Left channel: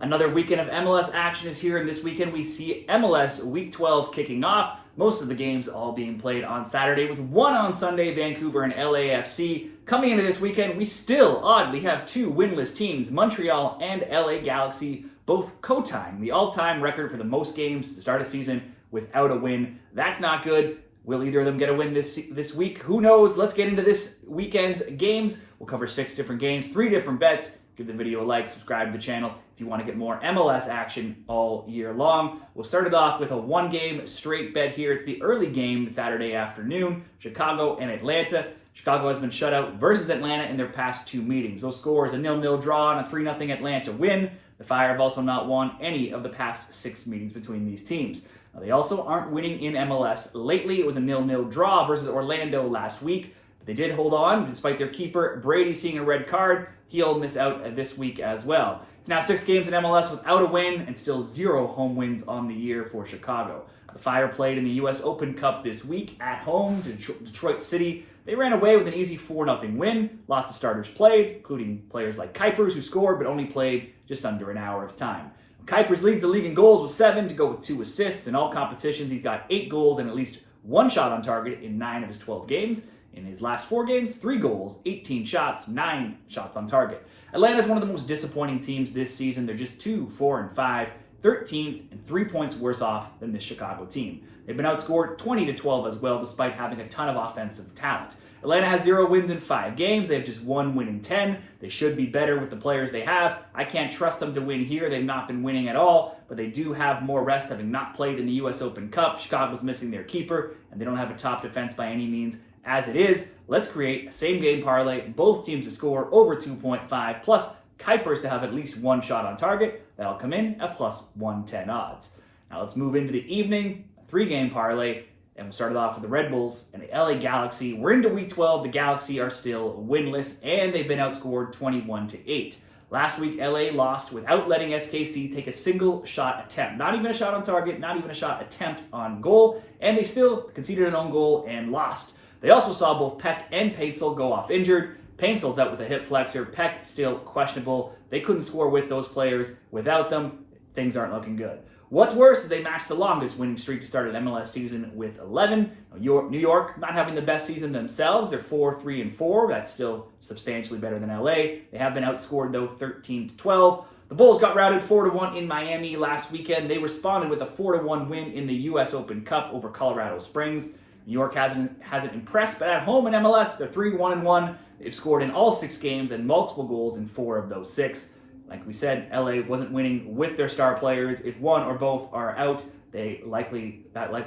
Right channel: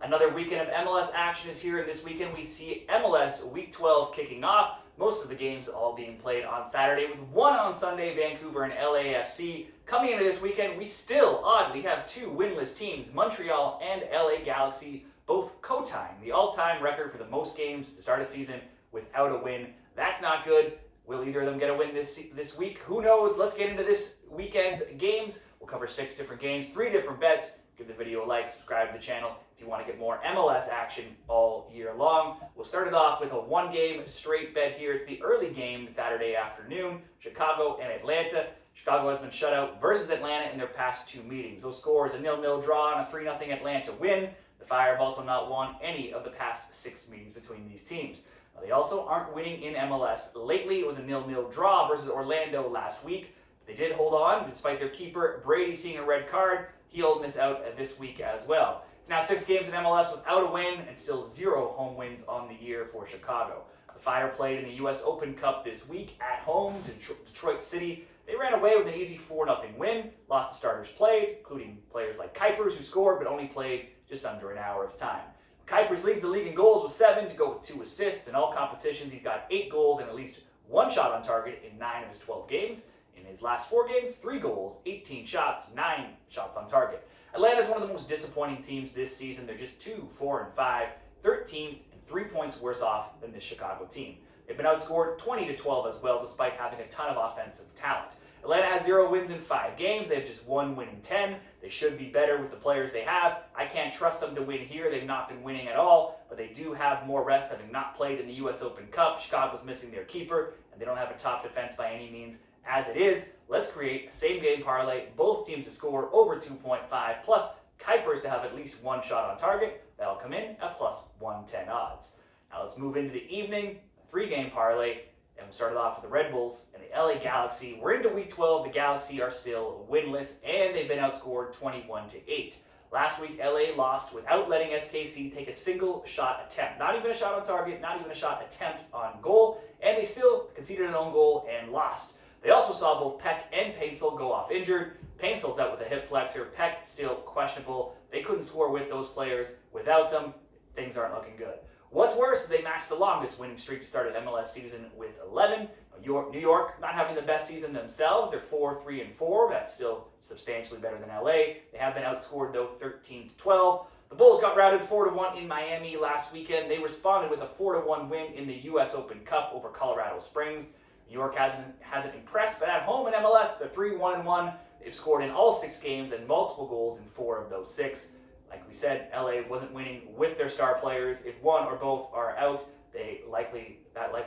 Another weekend of MLS action is here, and this weekend we see MLS Week 12 kicking off. Most of the games all being played on Saturday, with one on Sunday, Vancouver and LAFC. Coming into this weekend, we still, oddly, have two winless teams, Montreal and LA Galaxy, both co-tying the all-time record for the most games to start a season without a win. That's not good. Will either of them get a win this week? Who knows? Let's get into this weekend's games. We'll cover 6 different games, 3 different bets. Give the video a like, subscribe to the channel if you want to get more MLS action all year long. We'll start it off with a one-game straight bet here. It's the early game Saturday afternoon, Chicago and Atlanta. Chicago has been shut out versus Atlanta in their past 2 meetings. Those scores, a 0-0 draw and a 3-0 Atlanta win. The Fire have also not won any of the past 6 meetings between these teams. Now, they also aren't winning in MLS lately. It was a 0-0 draw versus Orlando last week. But they did hold on despite their keeper Brady seeing a red card. He'll miss out this week as well. It's now 6 games in MLS without a win and still 0 home wins on the year for Chicago. The Fire played in the US Open Cup this week at home to Detroit City. They ran away with an easy 4-0 win. Lots of starters played, including players like Kuipers, who scored but only played just under an hour of time. Kuipers leads the league in goals with 7 to go with 2 assists. In all competitions, he's got 8 goals and at least 1 shot on target in 9 of his 12 games. In his last 4 games, 3 goals, 18 shots, 9 shots on target. Atlanta's one of the most disappointing teams this season. They're just 2-4-5, 13th, and 3 points worse off than this Chicago team. They've been outscored 20-12 as well, despite having a ton of offensive talent. Atlanta has 0 wins in 5 games. They have just 1 win in 10. They should be better with the players they have. I can't trust them to win here. They've not been winning at all, but they do have more rest, having not played in the US Open Cup. Chicago's missing their keeper, and they don't have a top defense by any means. As it is, let's create a same-game parlay, both teams to score over 2.5, plus Kuipers to have at least 1 shot on target. That'll come in at plus 110 odds. Now let's move into the evening, a 3-game parlay, and we'll start it off with the Red Bulls and the LA Galaxy. We're into Week 12. The Galaxy are still winless, and they've been outscored 21-8. Last week, LA lost without letting SKC take a single shot attempt. Not even a shot on target, not even a shot attempt on goal, and they still conceded an own goal and lost. They also saw both Peck and Paintsel go off injured. Painsel's out with a hip flexor. Peck still questionable. They couldn't score with those players. Without them, things aren't looking good. What's worse is they matched the longest winning streak to start an MLS season with 11. New York not having the best season themselves. They're 4-3-4. That's still substantially better than LA. They have been outscored, though, 13-12. The Bulls got routed 4-1 in Miami last weekend. They responded with a 4-1 win in the US Open Cup over Colorado Springs. New York hasn't impressed, but at home in MLS, they're 3-1-1. They've scored in all 6 games and multiple goals in 4 of those 6. Like we said, LA wasn't winning with their star players. If one or both are out, that likely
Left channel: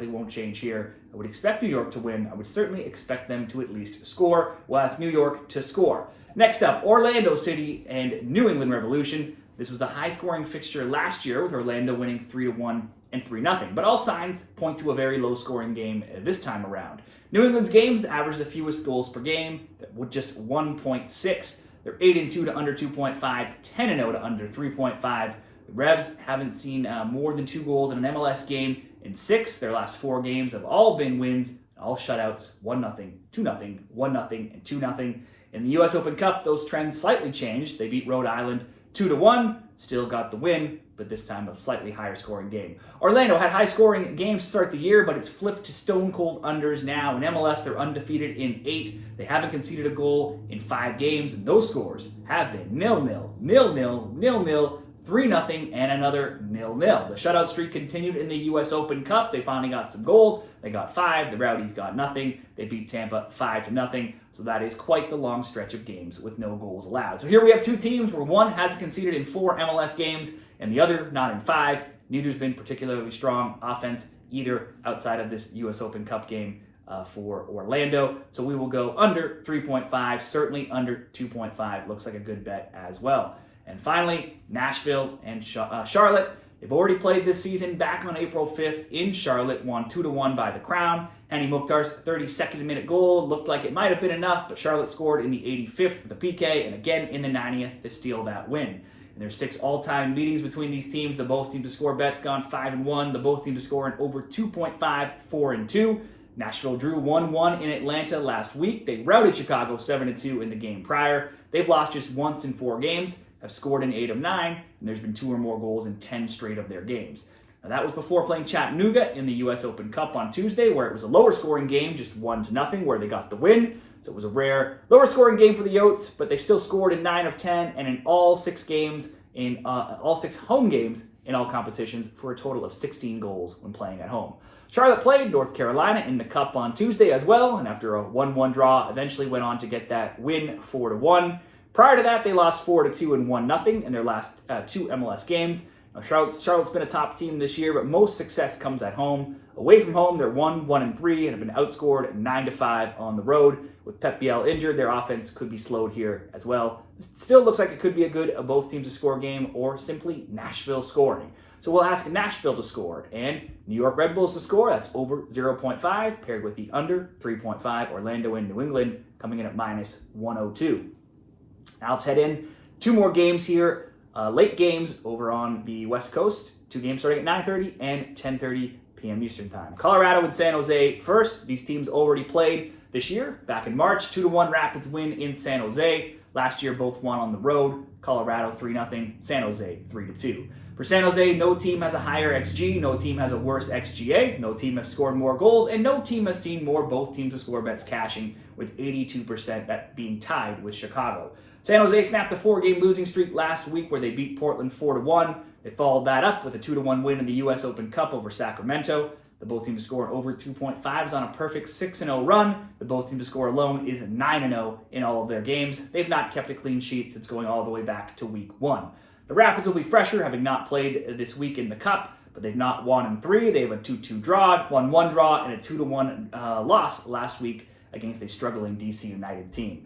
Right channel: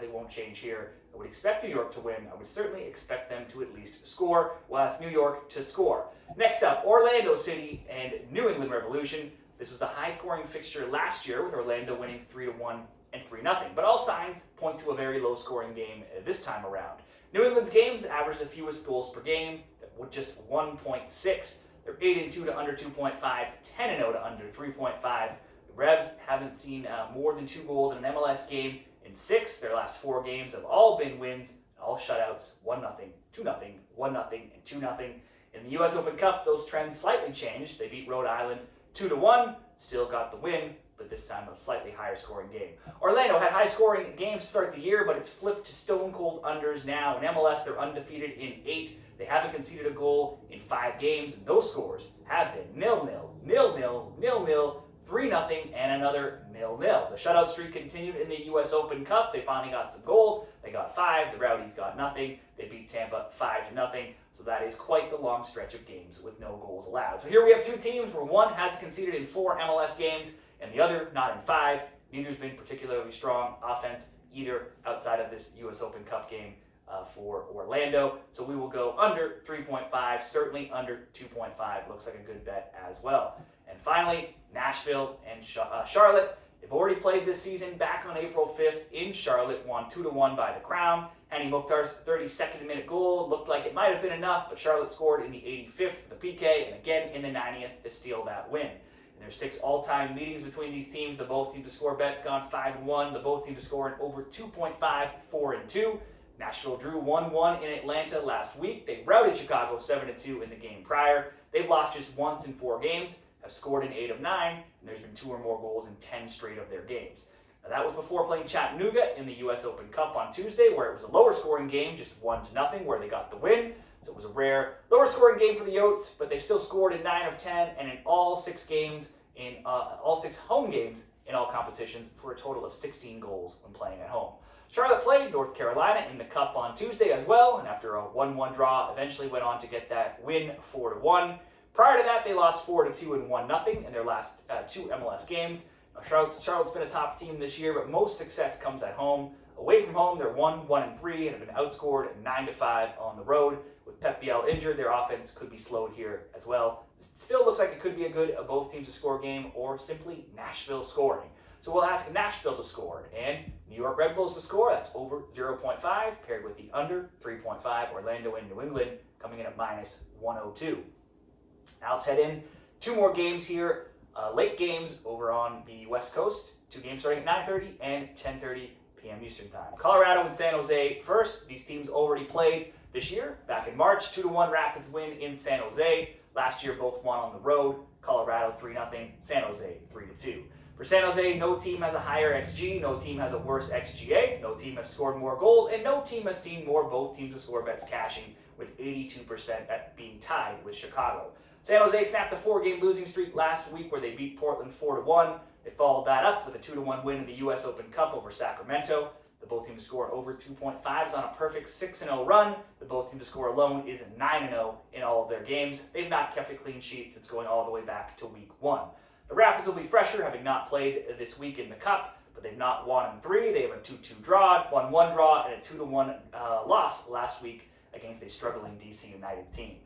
won't change here. I would expect New York to win. I would certainly expect them to at least score. We'll ask New York to score. Next up, Orlando City and New England Revolution. This was a high-scoring fixture last year, with Orlando winning 3-1 and 3-0. But all signs point to a very low-scoring game this time around. New England's games average the fewest goals per game, with just 1.6. They're 8-2 to under 2.5, 10-0 to under 3.5. The Revs haven't seen more than 2 goals in an MLS game in 6. Their last 4 games have all been wins, all shutouts, 1-0, 2-0, 1-0, and 2-0. In the US Open Cup, those trends slightly changed. They beat Rhode Island 2-1, still got the win, but this time a slightly higher scoring game. Orlando had high scoring games to start the year, but it's flipped to stone cold unders now. In MLS, they're undefeated in 8. They haven't conceded a goal in 5 games, and those scores have been 0-0, 0-0, 0-0, 3-0, and another 0-0. The shutout streak continued in the US Open Cup. They finally got some goals. They got 5. The Rowdies got nothing. They beat Tampa 5-0. So that is quite the long stretch of games with no goals allowed. So here we have 2 teams where one has conceded in 4 MLS games and the other not in 5. Neither's been particularly strong offense either outside of this US Open Cup game for Orlando. So we will go under 3.5, certainly under 2.5. Looks like a good bet as well. And finally, Nashville and Charlotte. They've already played this season back on April 5th in Charlotte, won 2-1 by the Crown. Hani Mukhtar's 32nd minute goal looked like it might have been enough, but Charlotte scored in the 85th with a PK and again in the 90th to steal that win. And there's 6 all-time meetings between these teams. The both teams to score bets gone 5-1. The both teams to score in over 2.5, 4-2. Nashville drew 1-1 in Atlanta last week. They routed Chicago 7-2 in the game prior. They've lost just once in 4 games. have scored in 8 of 9, and there's been 2 or more goals in 10 straight of their games. Now, that was before playing Chattanooga in the US Open Cup on Tuesday, where it was a lower scoring game, just 1-0, where they got the win. So it was a rare lower scoring game for the Yotes, but they still scored in 9 of 10 and in all 6 games, in all 6 home games in all competitions, for a total of 16 goals when playing at home. Charlotte played North Carolina in the Cup on Tuesday as well, and after a 1-1 draw, eventually went on to get that win 4-1. Prior to that, they lost 4-2 and 1-0 in their last 2 MLS games. Now, Charlotte's been a top team this year, but most success comes at home. Away from home, they're 1-3, and have been outscored 9-5 on the road. With Pep Biel injured, their offense could be slowed here as well. It still looks like it could be a good both teams to score game, or simply Nashville scoring. So we'll ask Nashville to score and New York Red Bulls to score. That's over 0.5, paired with the under 3.5. Orlando and New England coming in at -102. Now let's head in 2 more games here. Late games over on the West Coast. 2 games starting at 9:30 and 10:30 p.m. Eastern Time. Colorado and San Jose first. These teams already played this year, back in March. 2-1 Rapids win in San Jose. Last year, both won on the road. Colorado 3-0, San Jose 3-2. For San Jose, no team has a higher XG, no team has a worse XGA, no team has scored more goals, and no team has seen more both teams to score bets cashing, with 82% that being tied with Chicago. San Jose snapped a 4-game losing streak last week where they beat Portland 4-1. They followed that up with a 2-1 win in the US Open Cup over Sacramento. The both teams to score over 2.5s on a perfect 6-0 run. The both teams to score alone is 9-0 in all of their games. They've not kept a clean sheet since going all the way back to week 1. The Rapids will be fresher, having not played this week in the Cup, but they've not won in 3. They have a 2-2 draw, 1-1 draw, and a 2-1 loss last week against a struggling DC United team.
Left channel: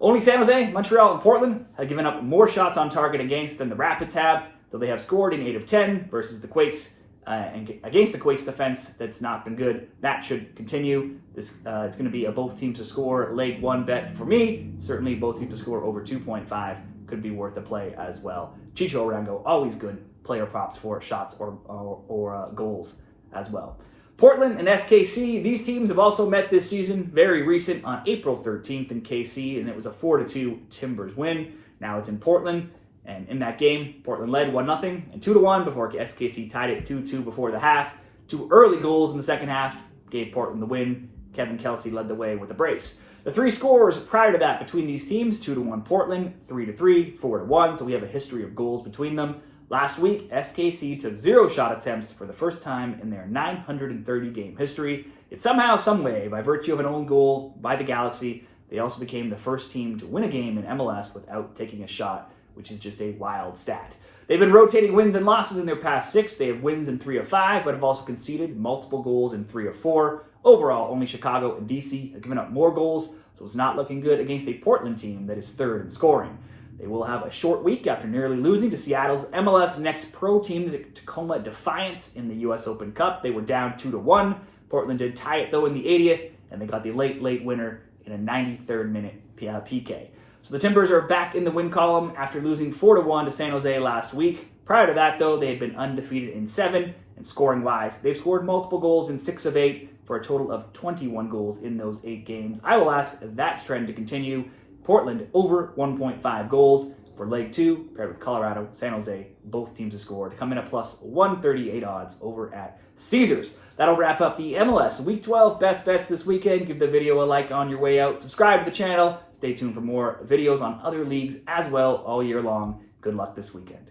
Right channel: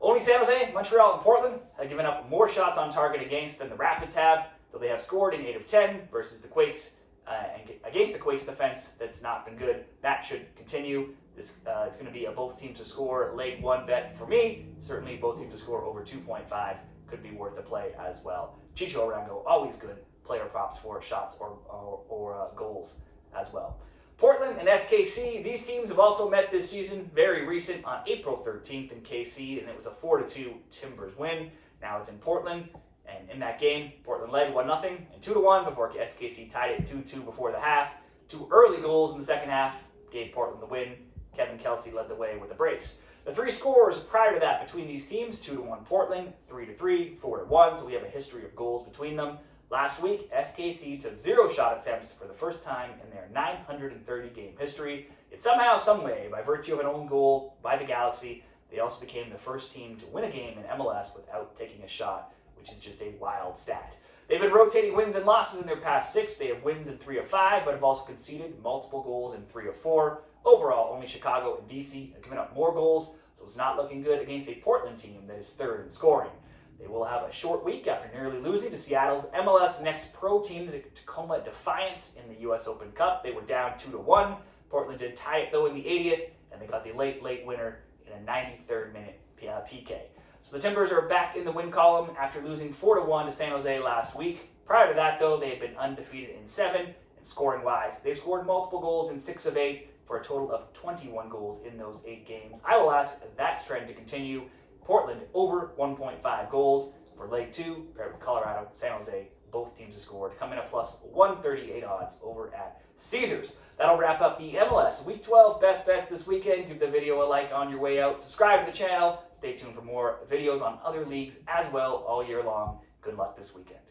Only San Jose, Montreal, and Portland have given up more shots on target against than the Rapids have, though they have scored in 8 of 10 versus the Quakes. And against the Quakes defense, that's not been good. That should continue. This it's going to be a both teams to score leg 1 bet for me. Certainly both teams to score over 2.5 could be worth a play as well. Chicho Arango, always good player props for shots or goals as well. Portland and SKC, these teams have also met this season, very recent, on April 13th in KC, and it was a 4-2 Timbers win. Now it's in Portland. And in that game, Portland led 1-0 and 2-1 before SKC tied it 2-2 before the half. 2 early goals in the second half gave Portland the win. Kevin Kelsey led the way with a brace. The 3 scores prior to that between these teams, 2-1 Portland, 3-3, 4-1, so we have a history of goals between them. Last week, SKC took 0 shot attempts for the first time in their 930-game history. Yet somehow, someway, by virtue of an own goal by the Galaxy, they also became the first team to win a game in MLS without taking a shot, which is just a wild stat. They've been rotating wins and losses in their past 6. They have wins in 3 of 5, but have also conceded multiple goals in 3 of 4. Overall, only Chicago and DC have given up more goals, so it's not looking good against a Portland team that is 3rd in scoring. They will have a short week after nearly losing to Seattle's MLS Next Pro team, the Tacoma Defiance, in the US Open Cup. They were down 2-1. Portland did tie it, though, in the 80th, and they got the late winner in a 93rd minute PK. So the Timbers are back in the win column after losing 4-1 to San Jose last week. Prior to that, though, they had been undefeated in 7, and scoring-wise, they've scored multiple goals in 6 of 8 for a total of 21 goals in those 8 games. I will ask that trend to continue. Portland over 1.5 goals for leg 2, paired with Colorado, San Jose, both teams have scored, come in at plus 138 odds over at Caesars. That'll wrap up the MLS Week 12 best bets this weekend. Give the video a like on your way out. Subscribe to the channel. Stay tuned for more videos on other leagues as well all year long. Good luck this weekend.